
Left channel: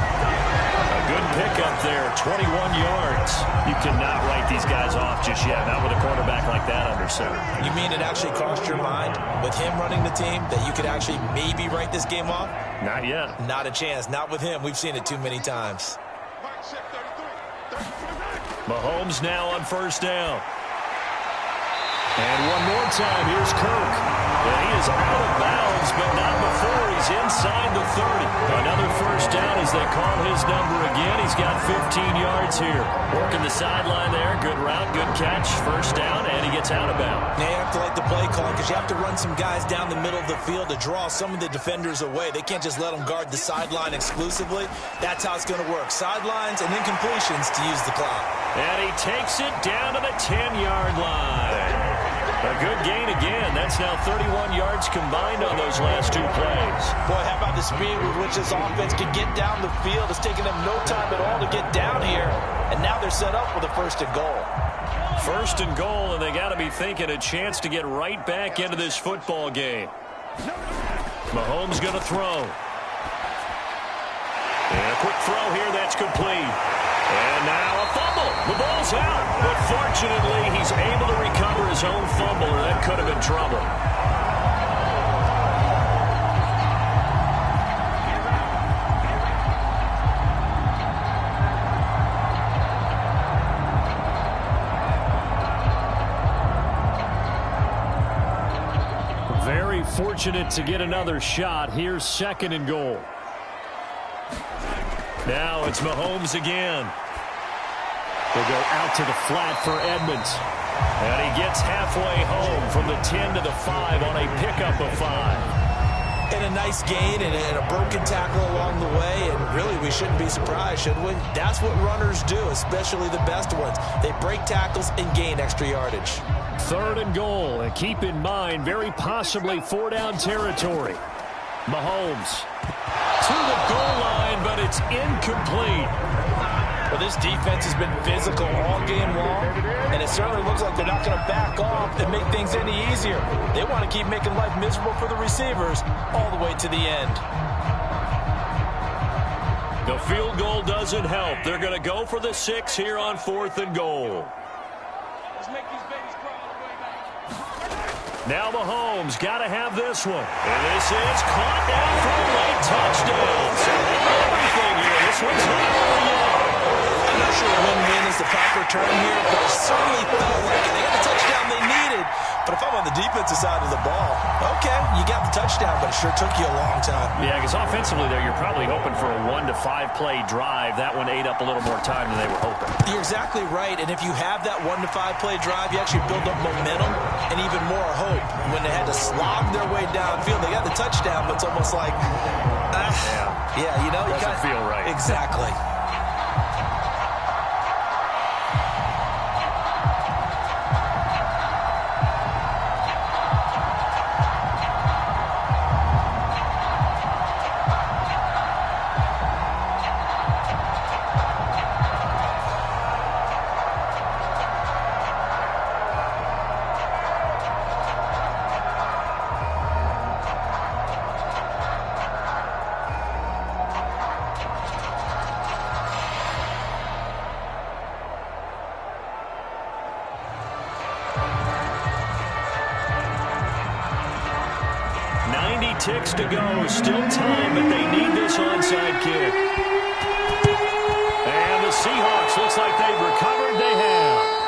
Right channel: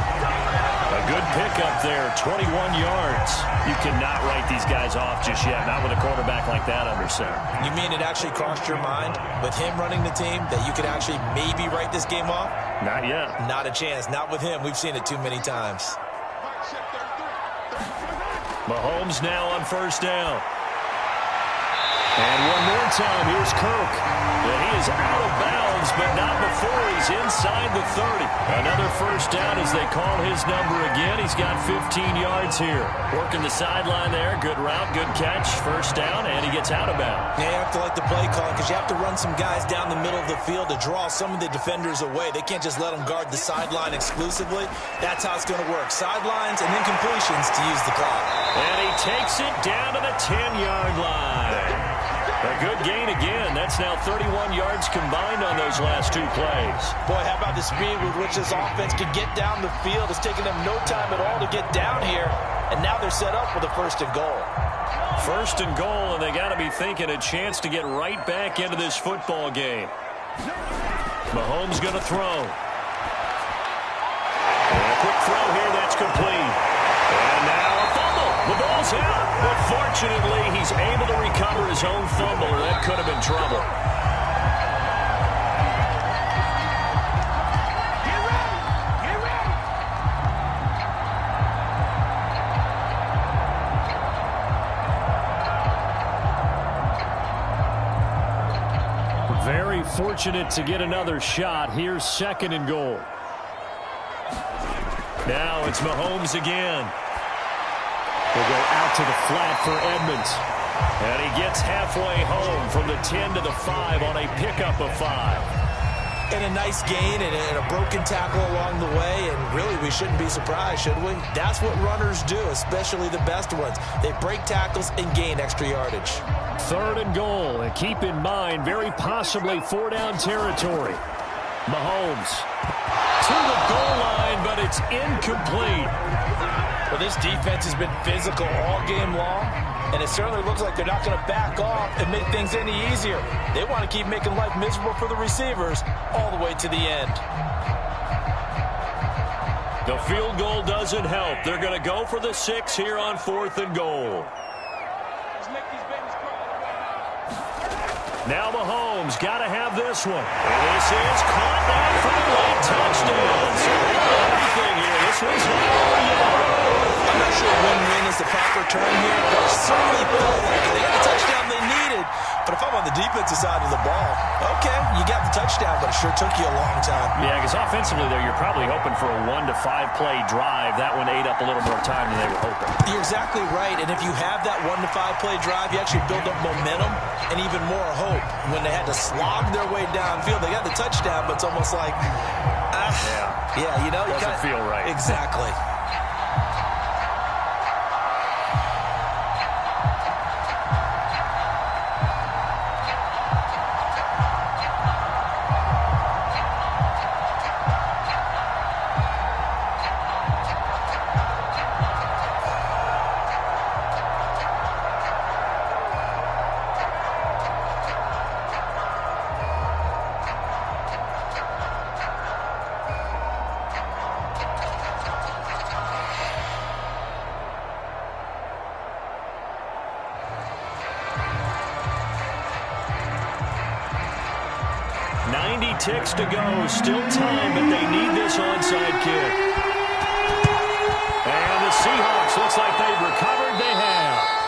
A good pickup there, 21 yards. You cannot write these guys off just yet, not with a quarterback like that under center. You mean it actually crossed your mind with him running the team that you could actually maybe write this game off? Not yet. Not a chance. Not with him. We've seen it too many times. Mahomes now on 1st down. And one more time, here's Kirk. And he is out of bounds, but not before he's inside the 30. Another first down as they call his number again. He's got 15 yards here. Working the sideline there. Good route, good catch. First down, and he gets out of bounds. Yeah, you have to like the play calling because you have to run some guys down the middle of the field to draw some of the defenders away. They can't just let them guard the sideline exclusively. That's how it's going to work. Sidelines and incompletions to use the clock. And he takes it down to the 10-yard line. A good gain again. That's now 31 yards combined on those last 2 plays. Boy, how about the speed with which this offense can get down the field? It's taken them no time at all to get down here. And now they're set up with a 1st and goal. 1st and goal, and they got to be thinking a chance to get right back into this football game. Mahomes going to throw. And a quick throw here. That's complete. And now a fumble. The ball's out. But fortunately, he's able to recover his own fumble, or that could have been trouble. Very fortunate to get another shot. Here's 2nd and goal. Now it's Mahomes again. We'll go out to the flat for Edmonds. And he gets halfway home from the 10 to the 5 on a pickup of 5. And a nice gain and a broken tackle along the way. And really, we shouldn't be surprised, should we? That's what runners do, especially the best ones. They break tackles and gain extra yardage. 3rd and goal. And keep in mind, very possibly 4-down territory. Mahomes to the goal line, but it's incomplete. Well, this defense has been physical all game long, and it certainly looks like they're not going to back off and make things any easier. They want to keep making life miserable for the receivers all the way to the end. The field goal doesn't help. They're going to go for the 6 here on 4th and goal. Let's make these babies crawl all the way now. Now Mahomes got to have this one. And this is caught down for a late touchdown. So everything here. This one's not over yet. I'm not sure win-win is the proper term here, but it certainly felt like it. They got the touchdown they needed. But if I'm on the defensive side of the ball, okay, you got the touchdown, but it sure took you a long time. Yeah, because offensively there, you're probably hoping for a 1 to 5 play drive. That one ate up a little more time than they were hoping. You're exactly right, and if you have that 1 to 5 play drive, you actually build up momentum and even more hope. When they had to slog their way downfield, they got the touchdown, but it's almost like, yeah, you know, doesn't feel right. Exactly. 90 ticks to go. Still time, but they need this onside kick. And the Seahawks, looks like they've recovered. They have.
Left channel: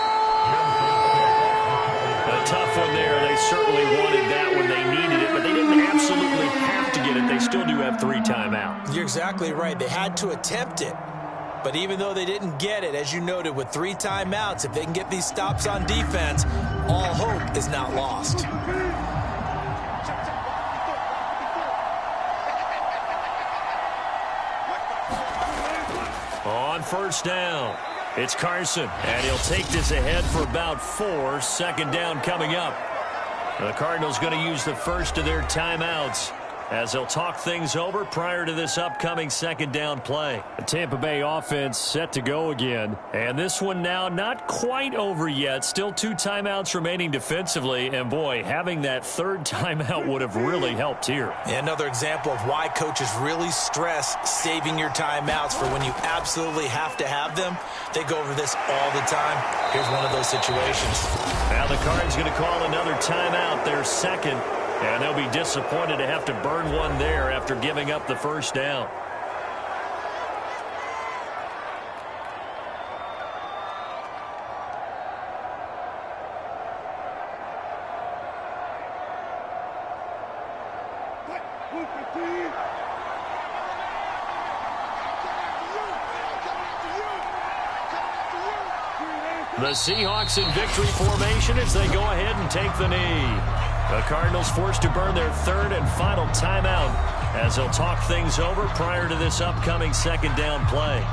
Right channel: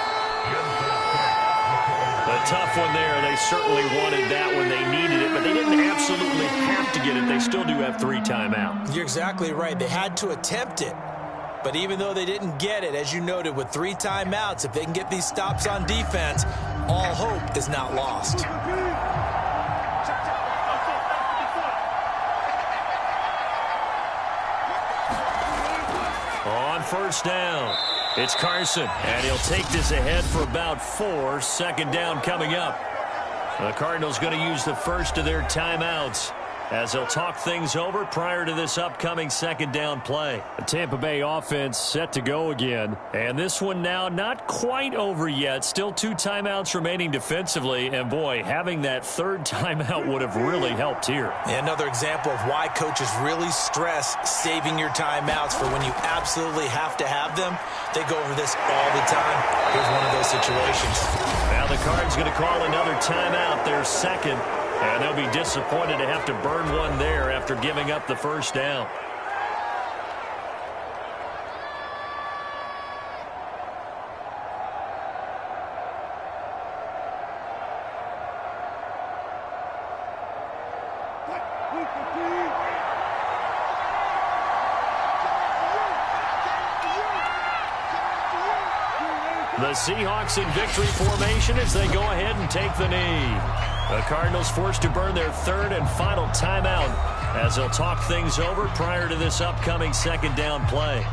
A tough one there. They certainly wanted that when they needed it, but they didn't absolutely have to get it. They still do have 3 timeouts. You're exactly right. They had to attempt it. But even though they didn't get it, as you noted, with 3 timeouts, if they can get these stops on defense, all hope is not lost. On first down, it's Carson, and he'll take this ahead for about 4. Second down coming up. The Cardinals going to use the first of their timeouts as they'll talk things over prior to this upcoming second down play. The Tampa Bay offense set to go again. And this one now not quite over yet. Still 2 timeouts remaining defensively. And boy, having that 3rd timeout would have really helped here. Another example of why coaches really stress saving your timeouts for when you absolutely have to have them. They go over this all the time. Here's one of those situations. Now the Cards going to call another timeout, their second. And they'll be disappointed to have to burn one there after giving up the first down. The Seahawks in victory formation as they go ahead and take the knee. The Cardinals forced to burn their 3rd and final timeout as they'll talk things over prior to this upcoming second down play.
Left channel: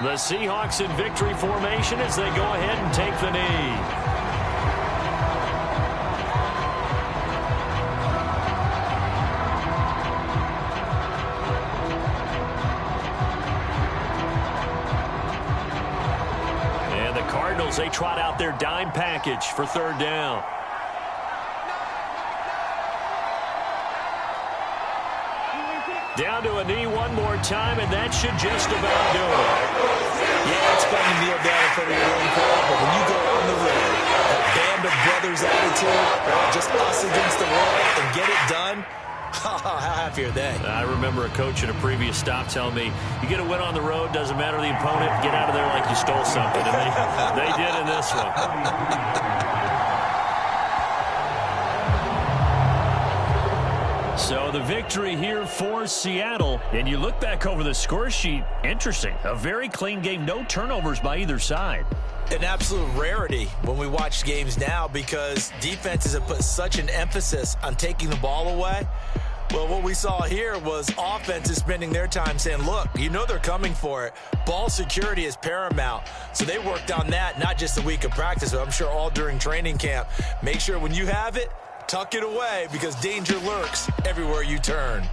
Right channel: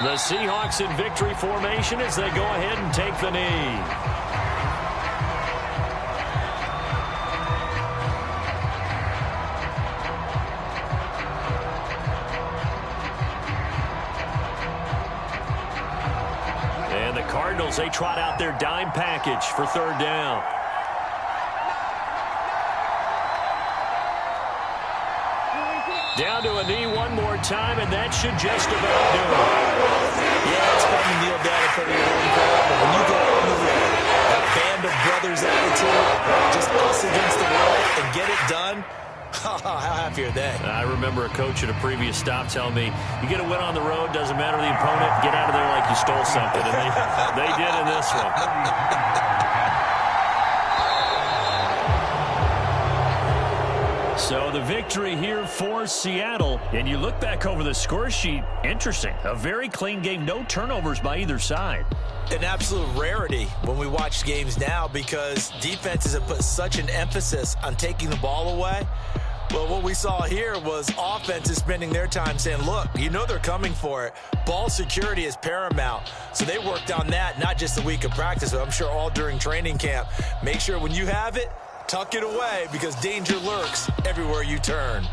The Seahawks in victory formation as they go ahead and take the knee. And the Cardinals, they trot out their dime package for 3rd down. Down to a knee one more time, and that should just about do it. Yeah, it's fun to kneel down in front of your home crowd, but when you go on the road, that band of brothers attitude, right, just us against the world, and get it done, how happy are they? I remember a coach at a previous stop telling me, you get a win on the road, doesn't matter the opponent, get out of there like you stole something. And they did in this one. So the victory here for Seattle. And you look back over the score sheet, interesting. A very clean game, no turnovers by either side. An absolute rarity when we watch games now because defenses have put such an emphasis on taking the ball away. Well, what we saw here was offenses spending their time saying, look, you know they're coming for it. Ball security is paramount. So they worked on that, not just a week of practice, but I'm sure all during training camp. Make sure when you have it, tuck it away because danger lurks everywhere you turn.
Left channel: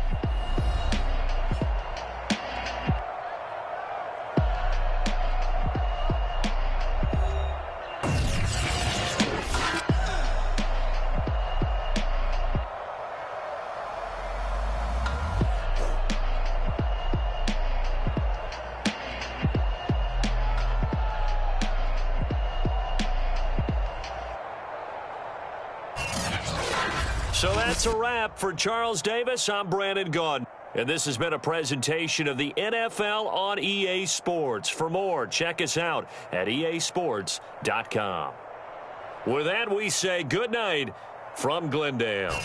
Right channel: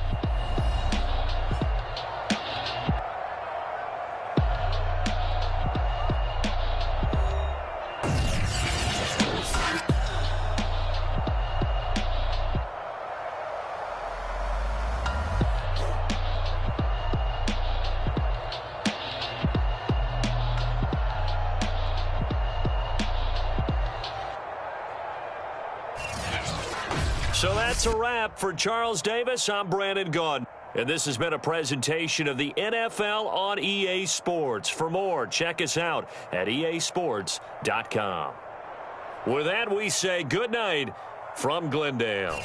So that's a wrap for Charles Davis. I'm Brandon Gaudin. And this has been a presentation of the NFL on EA Sports. For more, check us out at easports.com. With that, we say good night from Glendale.